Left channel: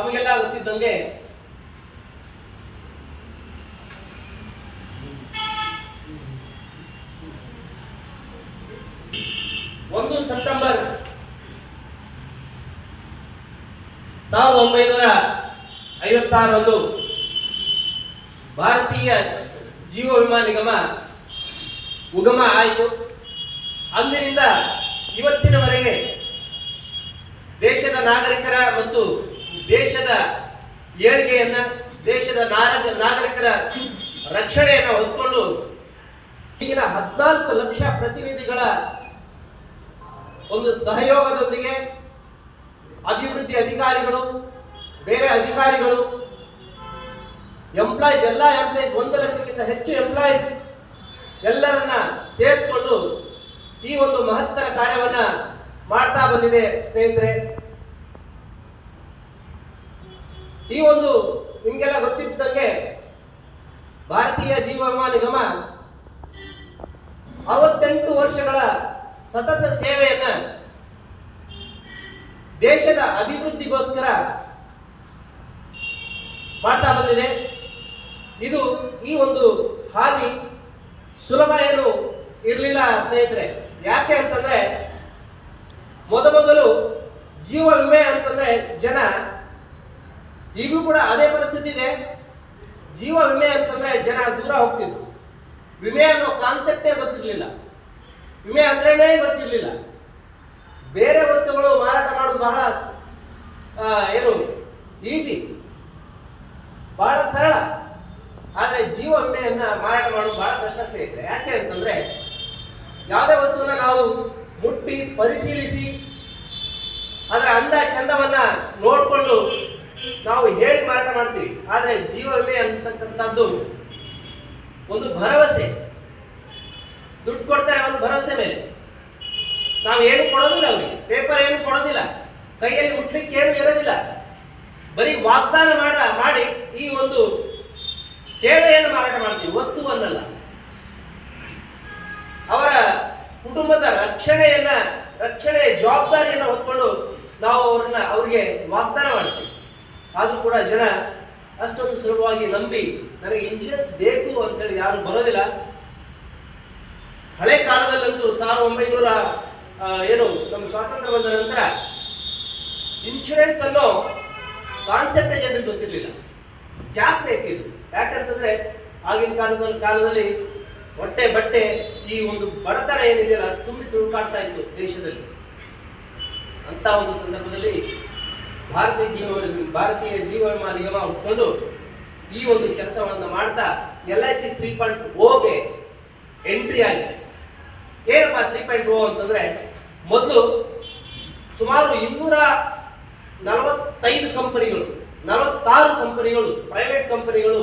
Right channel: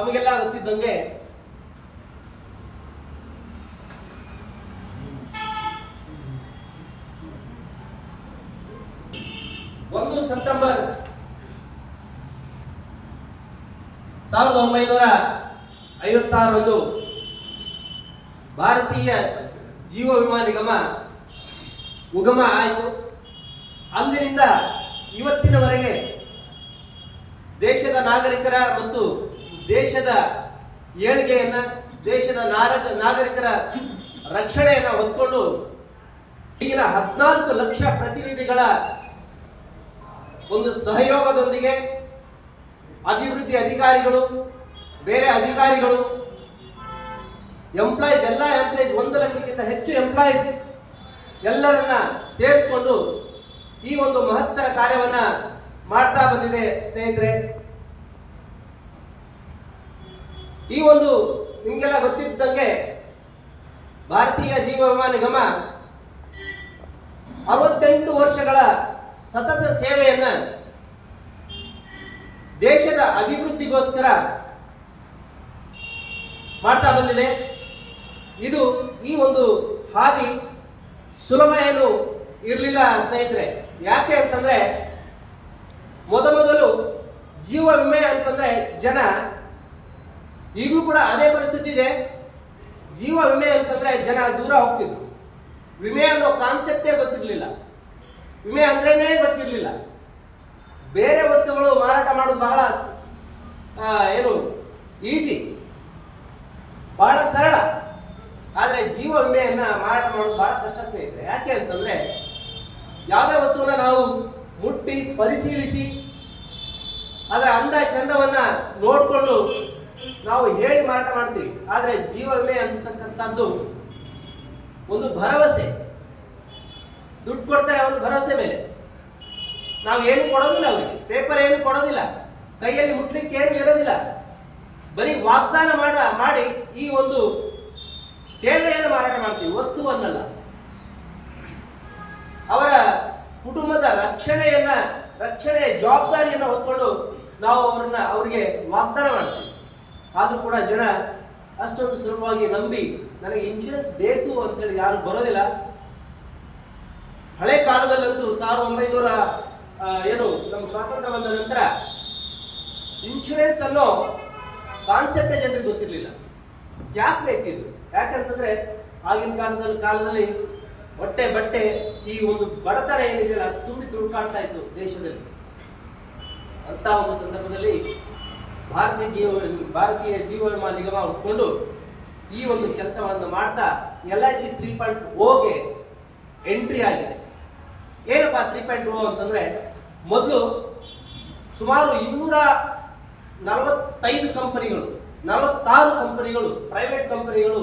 ತಮಗೆಲ್ಲ ಗೊತ್ತಿದ್ದಂಗೆ ಒಂದು ಸೆಪ್ಟೆಂಬರ್ 1956 ಭಾರತೀಯ ಜೀವ ವಿಮಾ ನಿಗಮ ಉಗಮ ಆಯಿತು. ಅಂದಿನಿಂದ ಇವತ್ತಿನವರೆಗೆ ದೇಶದ ನಾಗರಿಕರ ಮತ್ತು ದೇಶದ ಏಳಿಗೆಯನ್ನ, ದೇಶದ ನಾಗರಿಕರ ರಕ್ಷಣೆಯನ್ನು ಹೊಂದಿಕೊಂಡು ಈಗಿನ 14 ಲಕ್ಷ ಪ್ರತಿನಿಧಿಗಳ ಒಂದು ಸಹಯೋಗದೊಂದಿಗೆ ಅಭಿವೃದ್ಧಿ ಅಧಿಕಾರಿಗಳು, ಬೇರೆ ಅಧಿಕಾರಿಗಳು, ಎಂಪ್ಲಾಯೀಸ್, ಎಲ್ಲ ಎಂಪ್ಲಾಯೀಸ್, 1 ಲಕ್ಷಕ್ಕಿಂತ ಹೆಚ್ಚು ಎಂಪ್ಲಾಯೀಸ್ ಎಲ್ಲರನ್ನ ಸೇರಿಸಿಕೊಂಡು ಈ ಒಂದು ಮಹತ್ತರ ಕಾರ್ಯವನ್ನ ಮಾಡ್ತಾ ಬಂದಿದೆ ಸ್ನೇಹಿತರೆ. ಈ ಒಂದು ನಿಮಗೆಲ್ಲ ಗೊತ್ತಿದ್ದಂಗೆ ಭಾರತೀಯ ಜೀವ ವಿಮಾ ನಿಗಮ 68 ವರ್ಷಗಳ ಸತತ ಸೇವೆಯನ್ನ ದೇಶದ ಅಭಿವೃದ್ಧಿಗೋಸ್ಕರ ಮಾಡ್ತಾ ಬಂದಿದೆ. ಇದು ಈ ಒಂದು ಹಾದಿ ಸುಲಭ ಏನು ಇರಲಿಲ್ಲ ಸ್ನೇಹಿತರೆ. ಯಾಕೆ ಅಂತಂದ್ರೆ ಮೊದಲು ಜೀವ ವಿಮೆ ಅಂತಂದ್ರೆ ಜನ, ಈಗಲೂ ಕೂಡ ಅದೇ ಪರಿಸ್ಥಿತಿ ಇದೆ, ಜೀವ ವಿಮೆ ಅಂತಂದ್ರೆ ಜನ ದೂರ ಹೋಗ್ತಿದ್ರು. ವಿಮೆ ಅನ್ನೋ ಕಾನ್ಸೆಪ್ಟೇ ಗೊತ್ತಿರಲಿಲ್ಲ, ವಿಮೆ ಅಂದ್ರೇನೆ ಗೊತ್ತಿರಲಿಲ್ಲ. ಬೇರೆ ವಸ್ತುಗಳು ಮಾರಾಟ ಮಾಡೋದು ಬಹಳ ಏನು ಈಜಿ, ಬಹಳ ಸರಳ. ಆದರೆ ಜೀವ ವಿಮೆಯನ್ನ ಮಾರಾಟ ಮಾಡೋದು ಬಹಳ ಕಷ್ಟ ಸ್ನೇಹಿತರೆ. ಯಾಕೆ ಅಂತಂದ್ರೆ ಯಾವುದೇ ವಸ್ತುವನ್ನ ನಾವು ಮುಟ್ಟಿ ಪರಿಶೀಲಿಸಿ ಅದರ ಅಂದ ಚಂದವನ್ನ ನೋಡಿಕೊಂಡು ನಾವು ಹೇಳಿ ಮಾರಾಟ ಮಾಡ್ತೀವಿ. ಆದರೆ ಜೀವ ವಿಮೆ ಅಂತಕ್ಕಂಥದ್ದು ಒಂದು ಭರವಸೆ, ದುಡ್ಡು ಕೊಡ್ತಾರೆ ಒಂದು ಭರವಸೆ ಮೇಲೆ. ನಾವು ಏನು ಕೊಡೋದಿಲ್ಲ, ಅವರಿಗೆ ಪೇಪರ್ ಏನು ಕೊಡೋದಿಲ್ಲ, ಕೈಯಲ್ಲಿ ಮುಟ್ಲಿಕ್ಕೆ ಏನು ಇರೋದಿಲ್ಲ, ಬರೀ ವಾಗ್ದಾನ ಮಾಡಿ ಈ ಒಂದು ಸೇವೆಯನ್ನು ಮಾರಾಟ ಮಾಡ್ತೀವಿ, ವಸ್ತುವನ್ನಲ್ಲ. ಅವರ ಕುಟುಂಬದ ರಕ್ಷಣೆಯ ಜವಾಬ್ದಾರಿಯನ್ನು ಹೊತ್ಕೊಂಡು ನಾವು ಅವ್ರಿಗೆ ವಾಗ್ದಾನ ಮಾಡ್ತೀವಿ. ಆದರೂ ಕೂಡ ಜನ ಅಷ್ಟೊಂದು ಸುಲಭವಾಗಿ ನಂಬಿ ನನಗೆ ಇನ್ಶೂರೆನ್ಸ್ ಬೇಕು ಅಂತೇಳಿ ಯಾರು ಬರೋದಿಲ್ಲ. ಹಳೆ ಕಾಲದಲ್ಲಂತೂ 1900 ಏನು ನಮ್ಮ ಸ್ವಾತಂತ್ರ್ಯ ಬಂದ ನಂತರ ಇನ್ಶೂರೆನ್ಸ್ ಅನ್ನೋ ಕಾನ್ಸೆಪ್ಟೇ ಜನರಿಗೆ ಗೊತ್ತಿರಲಿಲ್ಲ. ಯಾಕೆ ಬೇಕಿದು? ಯಾಕಂತಂದ್ರೆ ಆಗಿನ ಕಾಲದಲ್ಲಿ ಹೊಟ್ಟೆ ಬಟ್ಟೆ ಈ ಒಂದು ಬಡತನ ಏನಿದೆಯಲ್ಲ ತುಂಬಿ ತುಳುಕಾಡ್ತಾ ಇತ್ತು ದೇಶದಲ್ಲಿ. ಅಂತ ಒಂದು ಸಂದರ್ಭದಲ್ಲಿ ಭಾರತೀಯ ಜೀವ ವಿಮಾ ನಿಗಮ ಹುಟ್ಕೊಂಡು ಈ ಒಂದು ಕೆಲಸವನ್ನು ಮಾಡ್ತಾ LIC 3.0ಗೆ ಎಂಟ್ರಿ ಆಗಿದೆ. ಏನಪ್ಪ 3.0 ಅಂತಂದ್ರೆ, ಮೊದಲು ಸುಮಾರು 245 ಕಂಪನಿಗಳು, 46 ಕಂಪನಿಗಳು, ಪ್ರೈವೇಟ್ ಕಂಪನಿಗಳು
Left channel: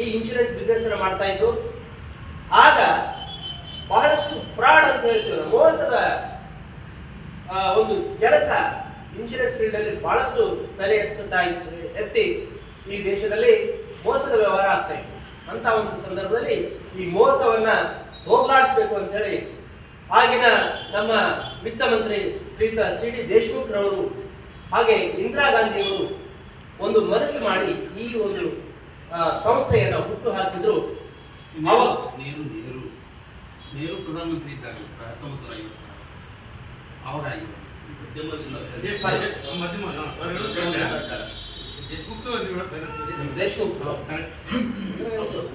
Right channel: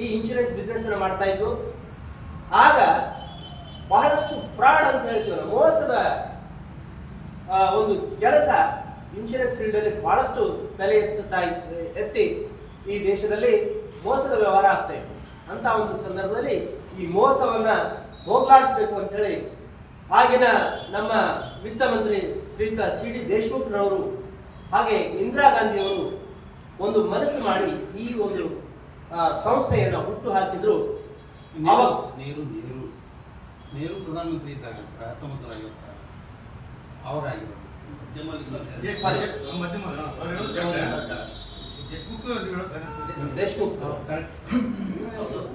ಈ ಇನ್ಶೂರೆನ್ಸ್ ಬಿಸ್ನೆಸ್ ಅನ್ನು ಮಾಡ್ತಾ ಇದ್ರು. ಆಗ ಬಹಳಷ್ಟು ಫ್ರಾಡ್ ಅಂತ ಹೇಳ್ತೀವಿ, ಮೋಸದ ಒಂದು ಕೆಲಸ ಇನ್ಶೂರೆನ್ಸ್ ಫೀಲ್ಡ್ ಅಲ್ಲಿ ಬಹಳಷ್ಟು ತಲೆ ಎತ್ತಿ ಈ ದೇಶದಲ್ಲಿ ಮೋಸದ ವ್ಯವಹಾರ ಆಗ್ತಾ ಇತ್ತು. ಅಂತ ಒಂದು ಸಂದರ್ಭದಲ್ಲಿ ಈ ಮೋಸವನ್ನ ಹೋಗ್ಲಾಡಿಸ್ಬೇಕು ಅಂತ ಹೇಳಿ ಆಗಿನ ನಮ್ಮ ವಿತ್ತ ಮಂತ್ರಿ ಶ್ರೀಯುತ CD ದೇಶಮುಖ್ ರವರು ಹಾಗೆ ಇಂದಿರಾ ಗಾಂಧಿ ಅವರು ಒಂದು ಮನಸ್ಸು ಮಾಡಿ ಈ ಒಂದು ಸಂಸ್ಥೆಯನ್ನು ಹುಟ್ಟು ಹಾಕಿದ್ರು. ನೆಹರು ಪ್ರಧಾನಮಂತ್ರಿ ಇದ್ದಾಗ 1956 ಅವರಾಗಿದ್ರು. ದೇಶಮುಖ್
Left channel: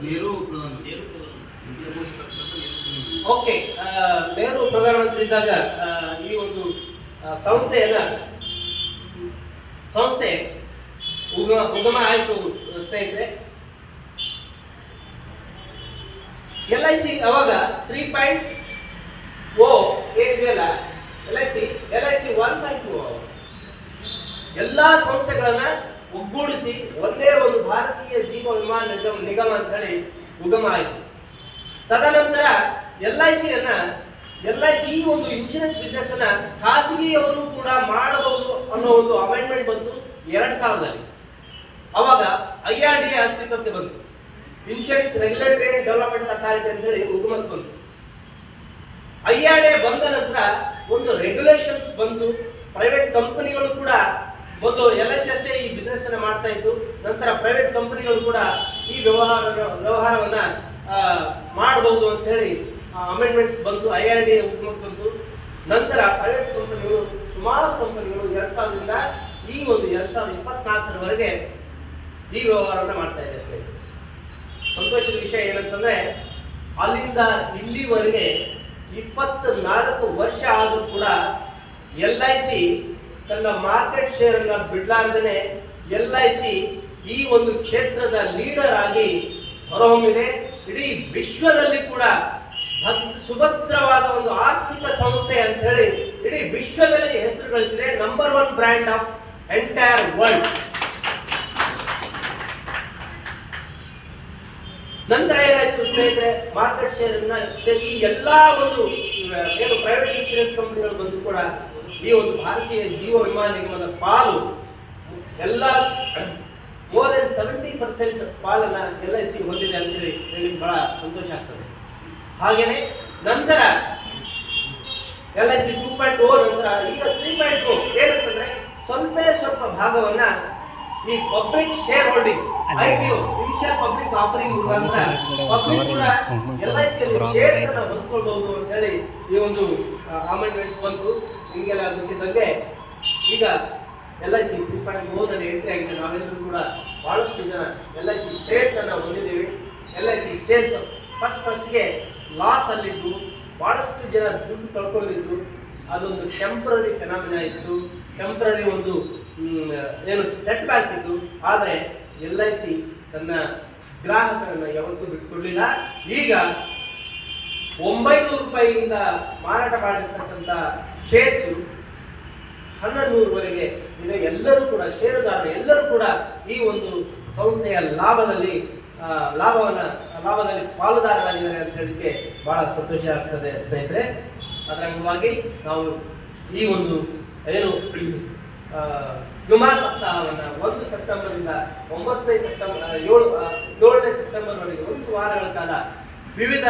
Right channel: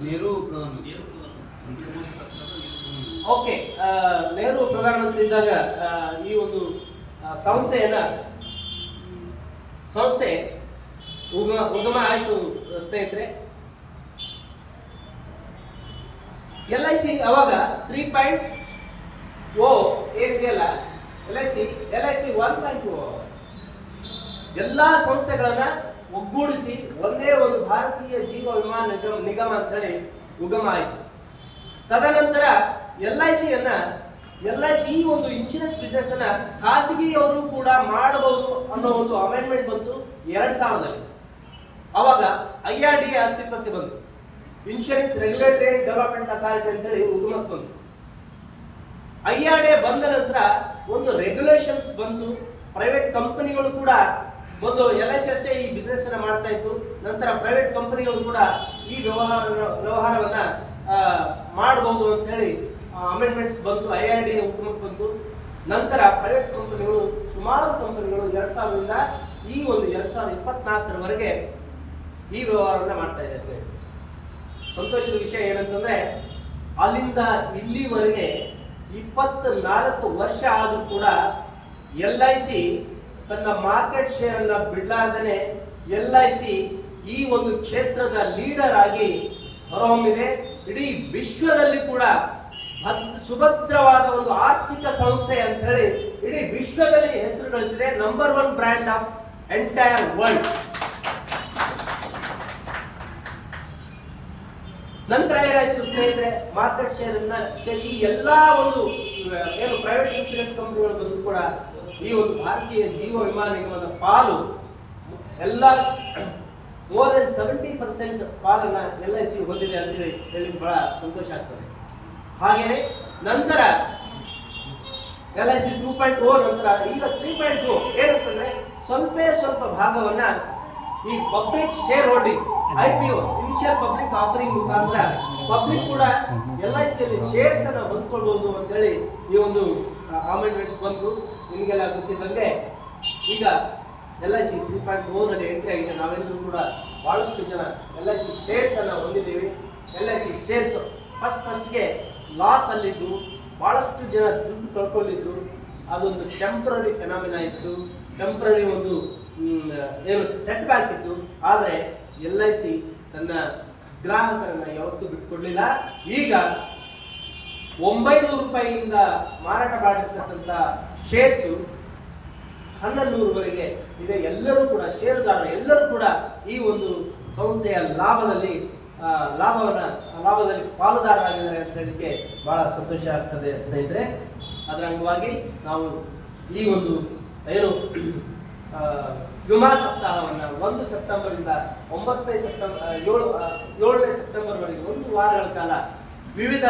ನೆಹರು ಪ್ರಧಾನಮಂತ್ರಿ. ಓಕೆ, ನೆಹರು ಪ್ರಧಾನಮಂತ್ರಿ ಇದ್ದಾಗ ಈ ಒಂದು ಸಂಸ್ಥೆ ಉಗಮ ಆಯಿತು ಸ್ನೇಹಿತರೆ. LIC ಅವಾಗ 3.0 ಏನಿದೆಯಲ್ಲ, LIC 1.0 ಎಲ್ಲಾ ಸಂಸ್ಥೆಗಳನ್ನ ಒಗ್ಗೂಡಿಸಿ ಒಂದೇ ಒಂದು ಭಾರತೀಯ ಜೀವ ವಿಮಾ ನಿಗಮ ಅಂತ ಹೇಳಿ ಉಗಮ ಆಯಿತು. ತದನಂತರ LIC ಈ ಒಂದು ಇನ್ಶೂರೆನ್ಸ್ ಬಿಸ್ನೆಸ್ ಅನ್ನ ಖಾಸಗಿಯವರು ಕೂಡ ಮಾಡಬಹುದು ಅನ್ನೋ ಒಂದು ಅಮೆಂಡ್ಮೆಂಟ್ ಬಂತು 2000ರಲ್ಲಿ. ಅವಾಗ IRDA ಅಸ್ತಿತ್ವಕ್ಕೆ ಬಂತು, insurance regulatory and development authority ಅಂತ ಹೇಳಿ ಉಗಮಕ್ಕೆ ಬಂತು. IRDA ಬಂದ ನಂತರ ಒಂದು ರೆಗ್ಯುಲೇಷನ್ಸ್ ಬಂತು, ಪ್ರೈವೇಟ್ ಕಂಪನಿಗಳು ಕೂಡ ಮೊದಲು LIC ಅಷ್ಟೇ ಈ ಬಿಸ್ನೆಸ್ ಅನ್ನ ಮಾಡ್ತಾ ಇತ್ತು. ನಂತರ ಪ್ರೈವೇಟ್ ಕಂಪನಿಗಳು ಕೂಡ ಈ ವ್ಯವಹಾರವನ್ನ ಮಾಡಬಹುದು ಅಂತ ಹೇಳಿ ಅಮೆಂಡ್ಮೆಂಟ್ಸ್ ಬಂತು, IRD ಹುಕುಮತ್ ಬಂತು. ನಂತರ ಪ್ರೈವೇಟ್ ಕಂಪನಿಗಳು ಸುಮಾರು ಕಂಪನಿಗಳು 2000ರಿಂದ ಈ ಒಂದು 2024ರವರೆಗೆ ಈ ವ್ಯವಹಾರವನ್ನ ಮಾಡ್ತಾ ಇದೆ ಸ್ನೇಹಿತರೆ. ಸಂತೋಷದ ವಿಷಯ ಏನಂತಂದ್ರೆ ಅಲ್ಲಿಂದ ಇಲ್ಲಿವರೆಗೆ 24 ವರ್ಷ ಆದರೂ ಕೂಡ LIC ತನ್ನ ಮಾರ್ಕೆಟ್ ಶೇರ್ ಅನ್ನ ಬಿಡ್ಲಾರ್ದೇನೆ LIC ಈ ಒಂದು ಕ್ಷೇತ್ರದ ಲೀಡರ್ ಆಗಿ ಹೊರಹೊಮ್ಮಿದೆ. ಇಡೀ ವಿಶ್ವದಲ್ಲಿ ಕೂಡ ಸುಭದ್ರವಾದ ಒಂದು ಆರ್ಥಿಕ ಸಂಸ್ಥೆ ಅಂತ ಹೇಳಿ ಇಡೀ ವಿಶ್ವದಲ್ಲಿ ಹೆಸರು ಗಳಿಸಿದೆ. Number 1 brand of entire world. ನಂತರ ಏನಾಯ್ತು ಸ್ನೇಹಿತರೆ, ಮಾರ್ಕೆಟ್ ಶೇರ್ ಈ ಎಲ್ಲಾ ಒಂದು ಏನು ಪ್ರೈವೇಟ್ ಇನ್ಶೂರೆನ್ಸ್ ಕಂಪನಿಗಳು ಬಂದು ಕೂಡ ಈ ಒಂದು ಭಾರತೀಯ ಜೀವ ವಿಮಾ ನಿಗಮದ ಪಾಲು ಎಲ್ಲ ಮೋರ್ ದೆನ್ 70% ಪಾಲನ್ನ LIC ಹೊಂದಿದೆ ಅಂತ ಹೇಳಿ ಬಹಳ ಸಂತೋಷ ಆಗ್ತದೆ. ಹಾಗೇನೆ ನಂತರ LIC 2.0 ನಂತರ ಈಗ 3.0 ಏನಂತಂದ್ರೆ ಸ್ವಲ್ಪ ಭಾಗವನ್ನ ಈ public share holding IPO initial public offering ಮುಖಾಂತರ ಪಬ್ಲಿಕ್ ಕೂಡ LIC ಯಲ್ಲಿ ಶೇರ್ಸ್ ಅನ್ನು ಹೊಂದ್ಕೊಳ್ಬಹುದು ಅಂತ ಹೇಳಿ ಈ ಒಂದು ಅಮೆಂಡ್ಮೆಂಟ್ಸ್ ಬಂತು. ನಿಮಗೆಲ್ಲ ಗೊತ್ತಿದ್ದಂಗೆ ಈಗ LIC 3.0 ನಲ್ಲಿ ಎಂಟ್ರಿ ಆಗಿದೆ. ನಾವೆಲ್ಲರೂ ಕೂಡ ಬಹಳಷ್ಟು ಜನ LIC ಶೇರ್ಸ್ ಅನ್ನು ಹೊಂದಿದ್ದೇವೆ. LIC ಶೇರ್ಸ್ ಫಸ್ಟ್ಗೆ ಲಾಸ್ ಅಲ್ಲಿದ್ದು ಬಹಳಷ್ಟು ಜನ ದುಡ್ಡು ಕಳ್ಕೊಂಡಿದ್ರು. ಅದೊಂದು ಟೆಂಪ್ರರಿ ಫೆನಾಮಿನಾ ಇತ್ತು, ಟೆಂಪ್ರರಿ ಒಂದು ಏನು ಸೆಟ್ ಬ್ಯಾಕ್ ಇತ್ತು. ಆದರೆ LIC ತನ್ನ ಗ್ರಾಹಕರನ್ನ ಯಾವತ್ತೂ ಬಿಟ್ಕೊಡ್ಲಿಲ್ಲ. ಈಗ 900 ರೂಪಾಯಿಯಿಂದ ಮಾರಾಟ ಮಾಡಿರ್ತಕ್ಕಂಥ ಶೇರ್ಸು 1100ವರೆಗೆ ಇದೆ. ಎಲ್ಲರೂ ಕೂಡ ಷೇರುದಾರರು ಎಲ್ಲರೂ ಕೂಡ ಈ ಒಂದು ಸಂಸ್ಥೆಯ ಲಾಭದಲ್ಲಿ ಪಾಲುದಾರರಾಗಿದ್ದಾರೆ ಅಂತ ಹೇಳಿಕ್ಕೆ ಬಹಳ ಸಂತೋಷ ಆಗ್ತದೆ ಸ್ನೇಹಿತರೆ. ಅದರ ಅಂಗವಾಗಿ ನಾವು ಈ ಒಂದು ಏನು ವಿಮಾ ಸಪ್ತಾಹವನ್ನು 1 ಸೆಪ್ಟೆಂಬರಿಂದ 7ನೇ ಸೆಪ್ಟೆಂಬರ್ವರೆಗೆ 1 ವಾರಗಳ ಕಾಲ ವಿವಿಧ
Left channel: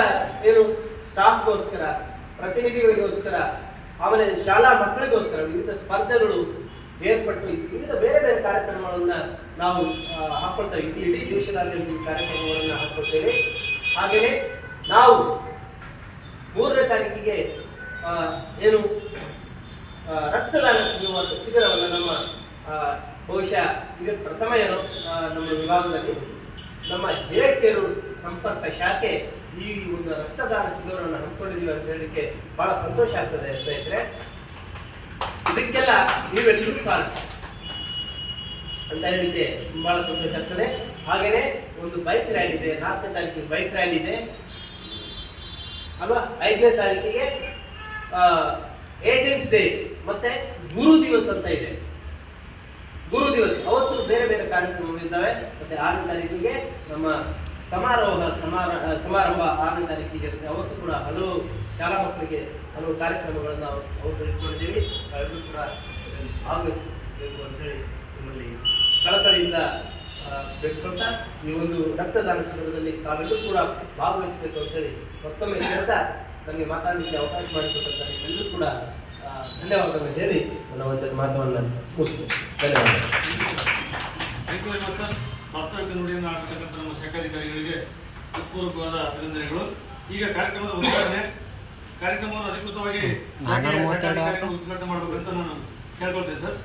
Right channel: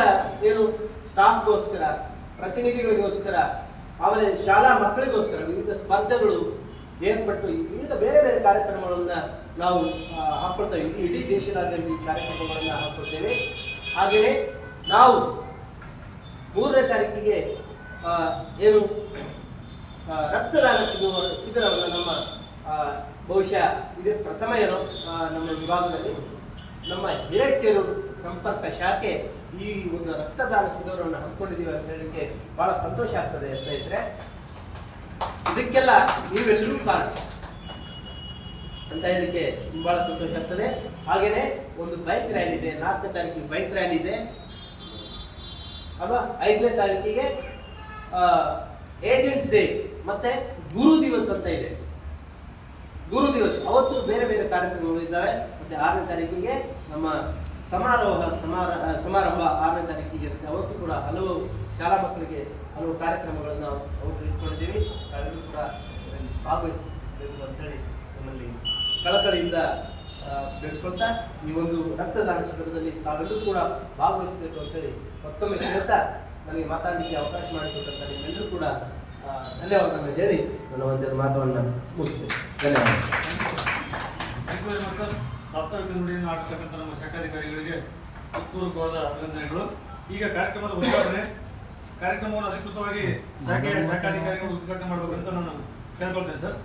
ಏನು ಸ್ಟಾಫ್ಗೋಸ್ಕರ, ಪ್ರತಿನಿಧಿಗಳಿಗೋಸ್ಕರ, ಆಮೇಲೆ ಶಾಲಾ ಮಕ್ಕಳಿಗೋಸ್ಕರ ವಿವಿಧ ಸ್ಪರ್ಧೆಗಳು ಏರ್ಪಟ್ಟು ವಿವಿಧ ಬೇರೆ ಬೇರೆ ಕಾರ್ಯಕ್ರಮಗಳನ್ನ ನಾವು ಹಾಕೊಳ್ತೇವೆ. ಇಡೀ ದೇಶದಾದ್ಯಂತ ಈ ಕಾರ್ಯಕ್ರಮಗಳನ್ನ ಹಾಕೊಳ್ತೇವೆ. ಹಾಗೆಯೇ ನಾವು 3ನೇ ತಾರೀಕಿಗೆ ಏನು ರಕ್ತದಾನ ಶಿಬಿರವನ್ನು ನಮ್ಮ ಬಹುಶಃ ಇದು ಪ್ರಥಮ ಏನೋ ನಮ್ಮ ವಿಭಾಗದಲ್ಲಿ ನಮ್ಮ ಹಿರೇಕೆರೂರು ಸಂಪರ್ಕ ಶಾಖೆ ಈ ಒಂದು ರಕ್ತದಾನ ಶಿಬಿರವನ್ನು ಹಮ್ಮಿಕೊಂಡಿದ್ದೀವಿ ಅಂತ ಹೇಳಲಿಕ್ಕೆ ಬಹಳ ಸಂತೋಷ ಆಗ್ತದೆ ಸ್ನೇಹಿತರೆ. ಇದಕ್ಕೆಲ್ಲ ನೀವೆಲ್ಲರೂ ಕಾರಣ ಅಂತ ಹೇಳಲಿಕ್ಕೆ ಬಹಳ ಸಂತೋಷ ಆಗ್ತದೆ. ಹಾಗೇನೆ ಒಂದು ಬೈಕ್ ರ್ಯಾಲಿ ಇದೆ, 4ನೇ ತಾರೀಕಿಗೆ ಬೈಕ್ ರ್ಯಾಲಿ ಇದೆ ಅಲ್ವಾ. 5ನೇ ತಾರೀಕಿಗೆ ಏಜೆಂಟ್ಸ್ ಡೇ ಮತ್ತೆ ಗುರು ದಿವಸ್ ಅಂತ ಇದೆ. ಗುರು ದಿವಸ್ ಅವತ್ತು ಬೇರೆ ಬೇರೆ ಕಾರ್ಯಕ್ರಮಗಳು ಇದ್ದಾವೆ. ಮತ್ತೆ 6ನೇ ತಾರೀಕಿಗೆ ನಮ್ಮ ಸಮಾರಂಭ 6ನೇ ತಾರೀಕಿಗೆ ಇರುತ್ತೆ. ಅವತ್ತು ಕೂಡ ಹಲವು ಶಾಲಾ ಮಕ್ಕಳಿಗೆ ಹಲವು ಕಾರ್ಯಕ್ರಮಗಳನ್ನು ನಾವು ಅವತ್ತು ಇಟ್ಕೊಂಡಿದ್ದೀವಿ. ತಾವೆಲ್ಲರೂ ಕೂಡ ಭಾಗವಹಿಸಬೇಕು ಅಂತೇಳಿ ನಮ್ಮಲ್ಲಿ ಕಳಕಳಿಯಿಂದ ಬೇಡ್ಕೊಳ್ತಾ ಈ ಒಂದು ರಕ್ತದಾನ ಶಿಬಿರದಲ್ಲಿ ತಾವೆಲ್ಲರೂ ಕೂಡ ಭಾಗವಹಿಸಬೇಕು ಅಂತೇಳಿ ಮತ್ತೊಮ್ಮೆ ಹೇಳ್ತಾ ನಮಗೆ ಮಾತಾಡಲಿಕ್ಕೆ ಅವಕಾಶ ಮಾಡಿಕೊಟ್ಟಂತ ನಿಮ್ಮೆಲ್ಲರೂ ಕೂಡ ಧನ್ಯವಾದಗಳನ್ನು ಹೇಳಿ ನನ್ನ ಒಂದು ಮಾತನ್ನು ಮುಗಿಸ್ತೀನಿ. ಧನ್ಯವಾದ. ವಾಸ್ತವಿಕ ನುಡಿಯನ್ನು ಮಾಡಿರ್ತಕ್ಕಂಥ ನಮ್ಮ ಶಾಖಾಧಿಕಾರಿಗಳಿಗೆ ಹೃತ್ಪೂರ್ವಕವಾದ ಅಭಿನಂದನೆಗಳು. ಈಗ ಕಾರ್ಯಕ್ರಮದ ಉದ್ಘಾಟನೆ ಕಾರ್ಯಕ್ರಮವನ್ನು ಅಧಿಕೃತವಾಗಿ ಶಾಖಾಧಿಕಾರಿಗಳು ಉದ್ಘಾಟನೆ ಮಾಡಬೇಕಂತ ನಾನು ಕೇಳ್ಕೊಳ್ತೇನೆ ಸರ್.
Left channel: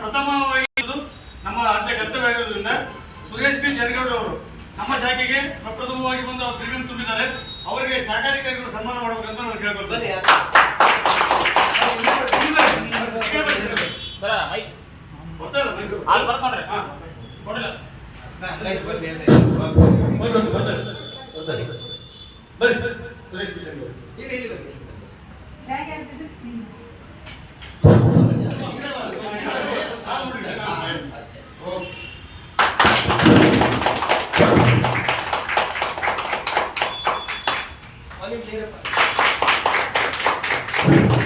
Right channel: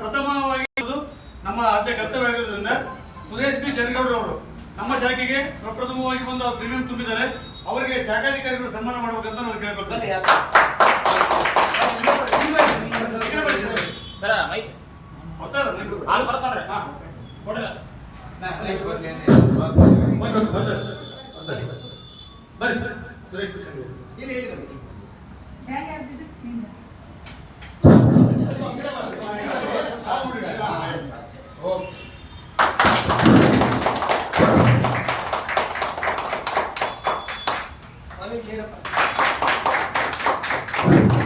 ಪ್ರಥಮವಾಗಿ ನಮ್ಮ ಆದ್ಯ ಕರ್ತವ್ಯ ಆಗಿರೋದ್ರಿಂದ ಸುರೇಶ್ ಬಿ ಜರಗೌಡ ಅವರು ನಮ್ಮ ಶಾಖೆಗೆ ಪ್ರಪ್ರಥಮವಾಗಿ ಬಂದು ಅವರು ಪ್ರೀಮಿಯಂ ತುಂಬಿದ್ದಾರೆ. ಅವರಿಗೆ ಶಾಖಾಧಿಕಾರಿಗಳು ಸನ್ಮಾನ ಮಾಡಬೇಕಂತ ನಾನು ಕೇಳ್ಕೊಳ್ತೀನಿ. Thank you.